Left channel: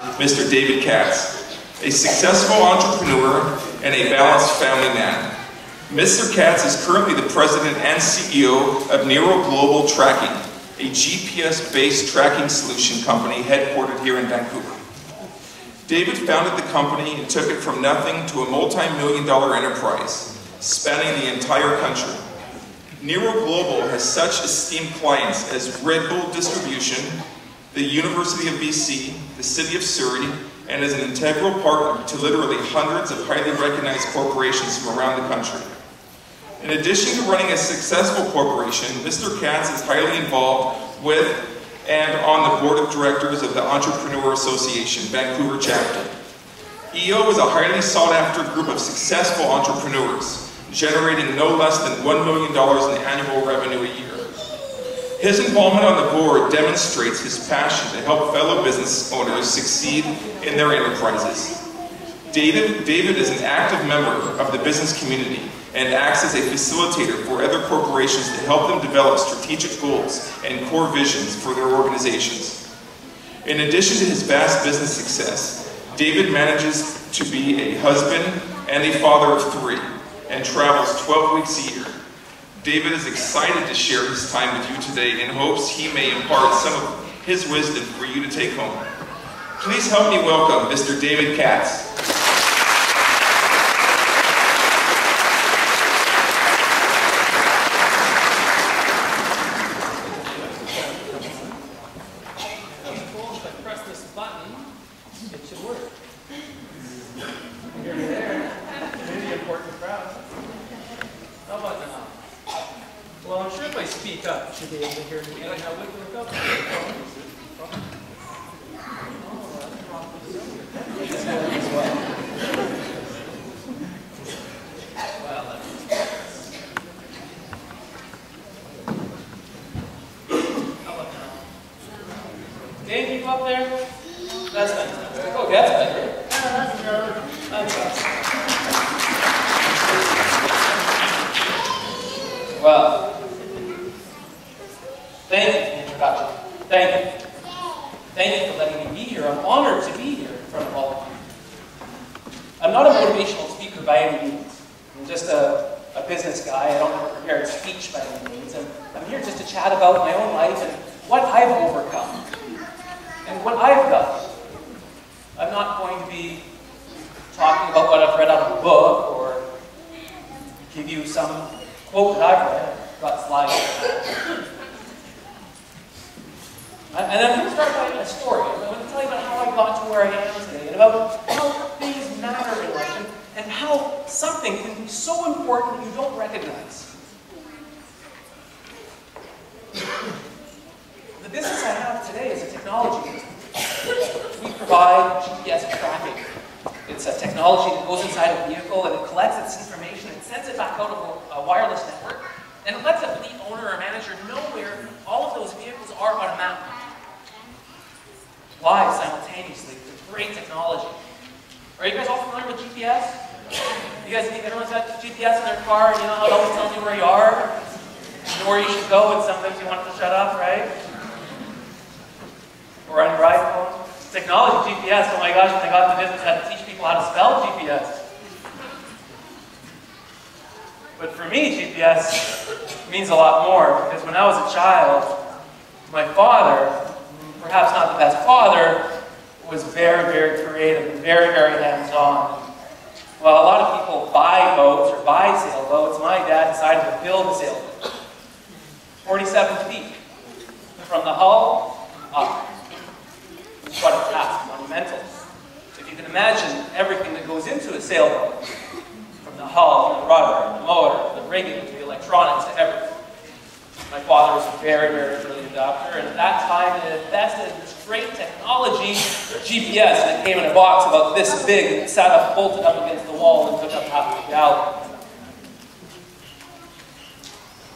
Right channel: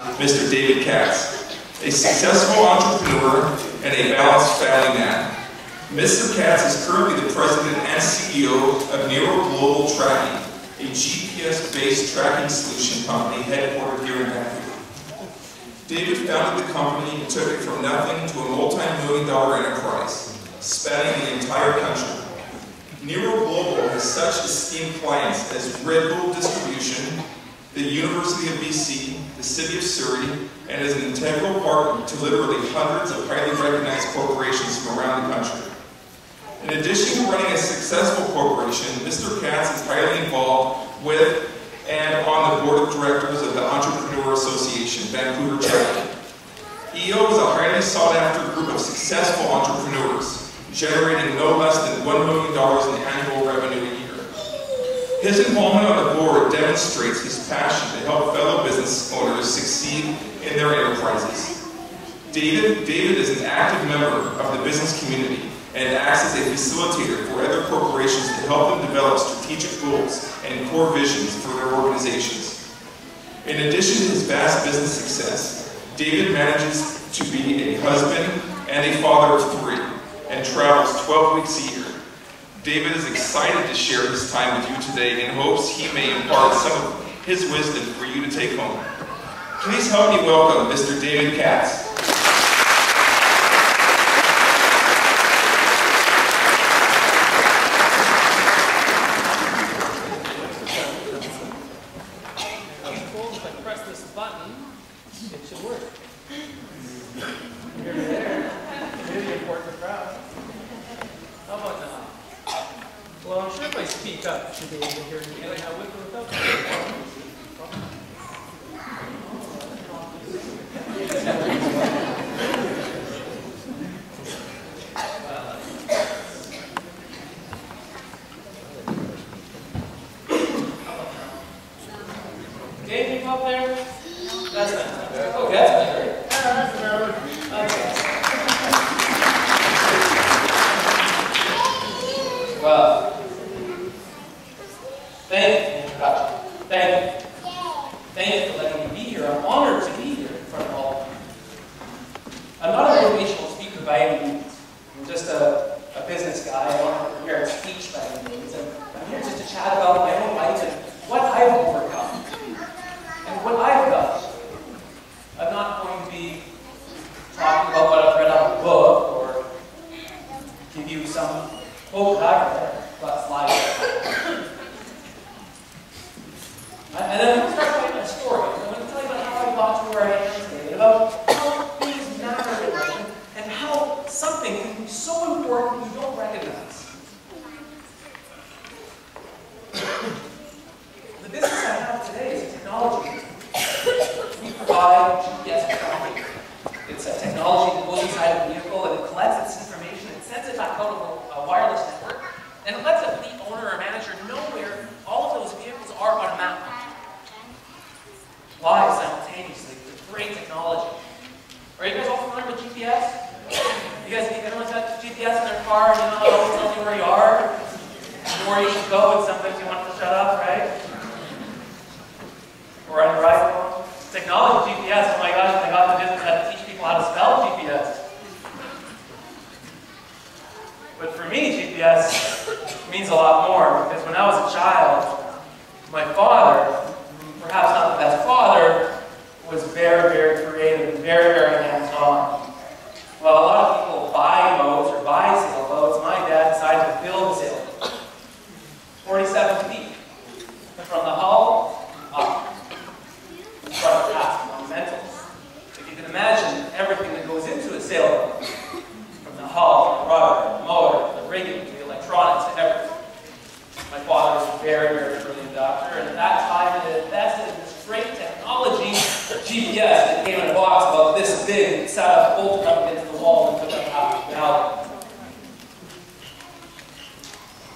Mr. David Katz, a successful entrepreneur and a balanced family man. Mr. Katz is currently the president and CEO of Nero Global Tracking, a GPS-based tracking solution company headquartered here in Vancouver. David founded the company and took it from nothing to a multi-million-dollar enterprise, spanning the entire country. Nero Global has such esteemed clients as Red Bull Distribution, the University of BC, the City of Surrey, and is an integral partner to literally hundreds of highly recognized corporations from around the country. In addition to running a successful corporation, Mr. Katz is highly involved with and on the board of directors of the Entrepreneur Association, Vancouver chapter. EO is a highly sought-after group of successful entrepreneurs, generating no less than $1 million in annual revenue a year. His involvement on the board demonstrates his passion to help fellow business owners succeed in their enterprises. David is an active member of the business community and acts as a facilitator for other corporations to help them develop strategic goals and core visions for their organizations. In addition to his vast business success, David manages to be a husband and a father of 3 and travels 12 weeks a year. David is excited to share his time with you today in hopes he may impart some of his wisdom for you to take home. Please help me welcome Mr. David Katz. If I press this button, it should work. You're there. You're the important crowd. How about now? Well, I'm sure if I speak up, you should be able to hear me. Like how with or without okay, people up there? That's fantastic. Okay, that's better. That's awesome. Well, thank you for the introduction. Thank you. Thank you for letting me be here. I'm honored to be here in front of all of you. I'm not a motivational speaker by any means. I'm just a business guy. I don't have a prepared speech by any means. And I'm here just to chat about my own life and what I've overcome and what I've done. I'm not going to be talking about what I've read out of a book or give you some quote that I've read. I've got slides. And I'm going to start by a story. I'm going to tell you about how I got to where I am today and about how things matter in life and how something can be so important you don't recognize. The business I have today is a technology. We provide GPS tracking. It's a technology that goes inside a vehicle and it collects its information and sends it back out of a wireless network, and it lets a fleet owner or manager know where all of those vehicles are on a map. Live simultaneously with great technology. Are you guys all familiar with GPS? Everyone's got GPS in their car, and you know how it always tells you where you are, and where you should go, and sometimes you want it to shut up, right? Or on your iPhone. Technology, GPS, oh my gosh, when I got the business, I had to teach people how to spell GPS. But for me, GPS means a lot more, because when I was a child, my father, perhaps not the best father, was very, very creative and very, very hands-on. While a lot of people buy boats or buy sailboats, my dad decided to build a sailboat. 47 feet. From the hull up. What a task, monumental. If you can imagine everything that goes into a sailboat, from the hull, the rudder, the motor, the rigging, to the electronics, to everything. My father was a very, very early adopter, and at that time it invested in this great technology, GPS, that came in a box about this big, and sat up, bolted up against the wall, and took up half the galley.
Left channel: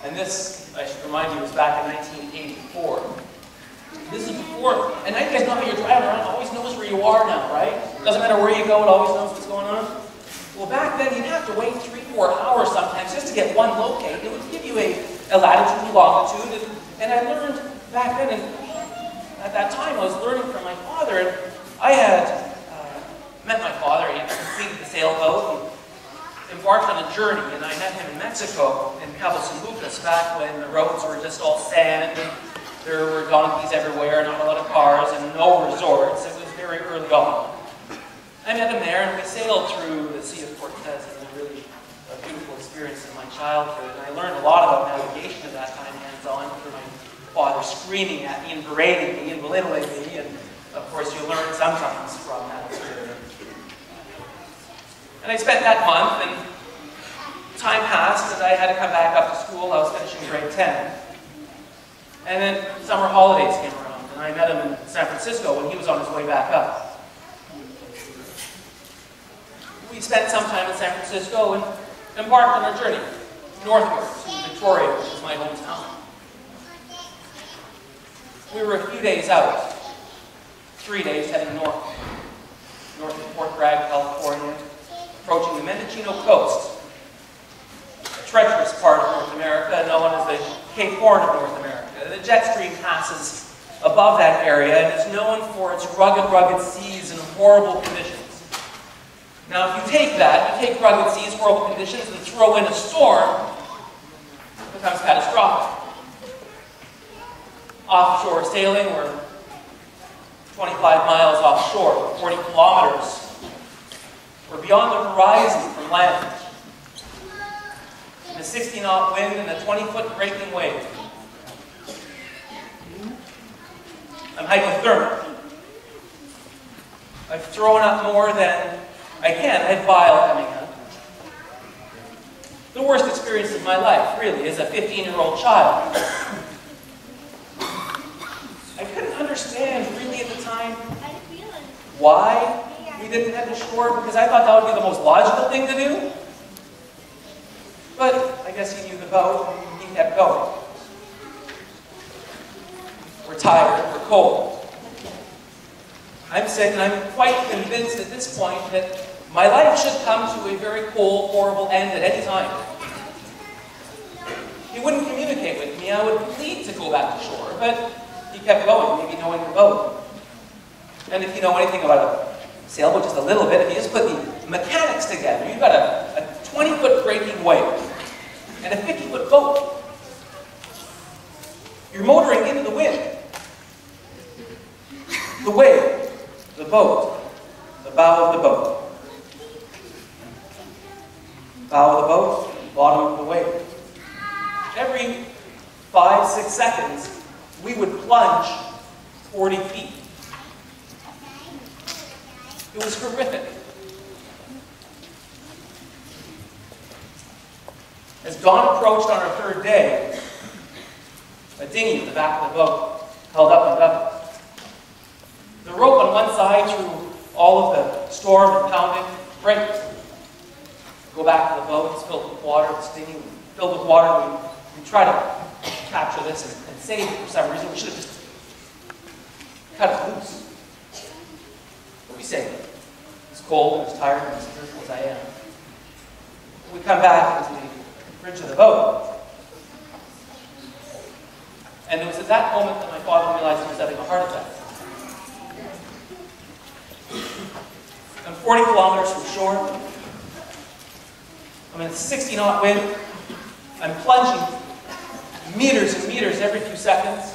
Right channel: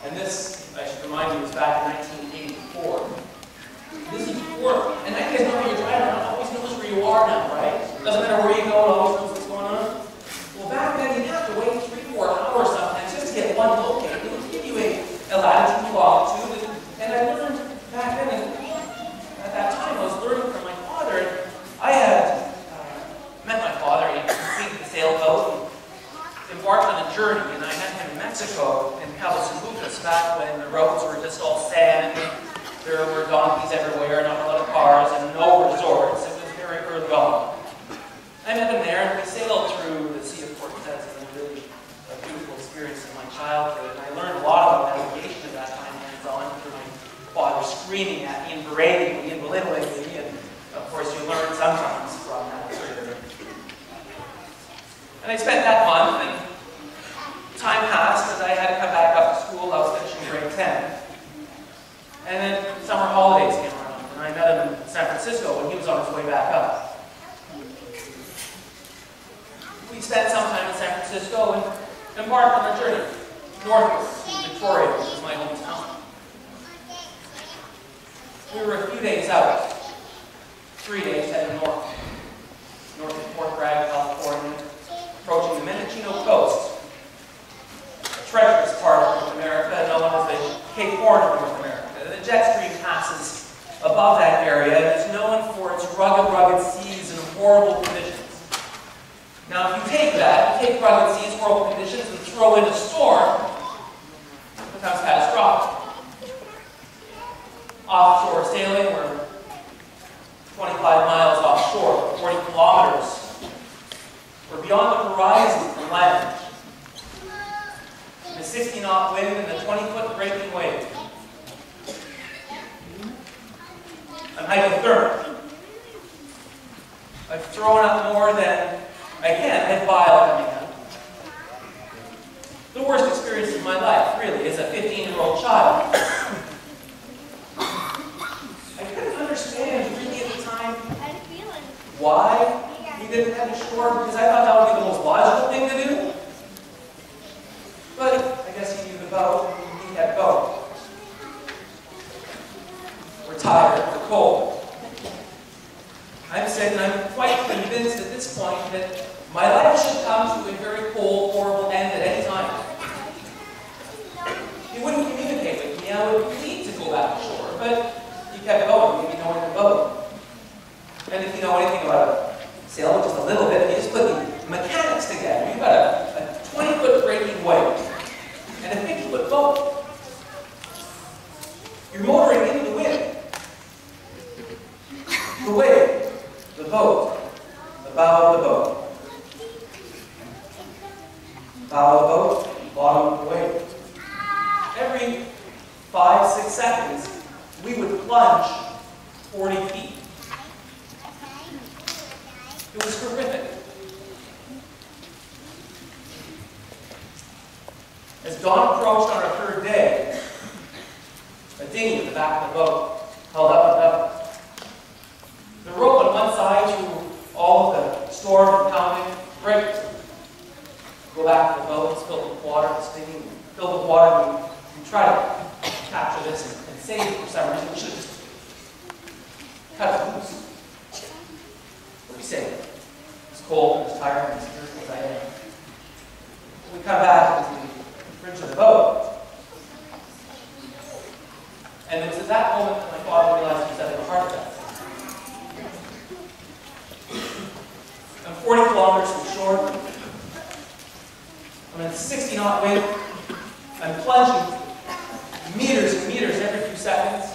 And this, I should remind you, was back in 1984. This is before, and you guys know how you're driving around, it always knows where you are now, right? Doesn't matter where you go, it always knows what's going on. Well, back then, you'd have to wait 3-4 hours sometimes just to get one locate. It would give you a latitude and longitude, and I learned back then, and at that time, I was learning from my father, and I had journey, and I met him in Mexico, in Cabo San Lucas, back when the roads were just all sand, and there were donkeys everywhere, not a lot of cars, and no resorts. It was very early on. I met him there, and we sailed through the Sea of Cortez, and a really beautiful experience in my childhood. And I learned a lot about navigation at that time, hands-on, through my father screaming at me and berating me and belittling me, and of course you learn sometimes from that experience. And I spent that month, and time passed as I had to come back up to school. I was finishing grade 10. And then summer holidays came around, and I met him in San Francisco when he was on his way back up. We spent some time in San Francisco and embarked on our journey northward to Victoria, which is my hometown. We were a few days out, 3 days heading north of Fort Bragg, California, approaching the Mendocino coast, a treacherous part of North America known as the Cape Horn of North America. The jet stream passes above that area and is known for its rugged seas and horrible conditions. Now, if you take that, you take rugged seas, horrible conditions, and throw in a storm, it becomes catastrophic. Offshore sailing, we're 25 miles offshore, 40 kilometers. We're beyond the horizon from land. In a 60-knot wind and a 20-foot breaking wave. I'm hypothermic. I've thrown up more than I can. I had bile coming out. The worst experience of my life, really, as a 15-year-old child. I couldn't understand, really, at the time, why we didn't head ashore, because I thought that would be the most logical thing to do. But I guess he knew the boat, and he kept going. We're tired, we're cold. I'm sick, and I'm quite convinced at this point that my life should come to a very cold, horrible end at any time. He wouldn't communicate with me. I would plead to go back ashore, but he kept going, maybe knowing the boat. And if you know anything about a sailboat, just a little bit, if you just put the mechanics together, you've got a 20-foot breaking wave and a 50-foot boat. You're motoring into the wind. The wave, the boat, the bow of the boat. Bow of the boat, bottom of the wave. Every 5-6 seconds, we would plunge 40 feet. It was horrific. As dawn approached on our third day, a dinghy at the back of the boat held up and up. The rope on one side through all of the storm and pounding breaks. Go back to the boat, it's filled with water, the dinghy filled with water, and we try to capture this and save it for some reason. We should have just cut it loose. But we saved it. It's cold and it's tired and as fearful as I am. We come back into the bridge of the boat. And it was at that moment that my father realized he was having a heart attack. I'm 40 kilometers from shore. I'm in a 60-knot wind. I'm plunging meters and meters every few seconds.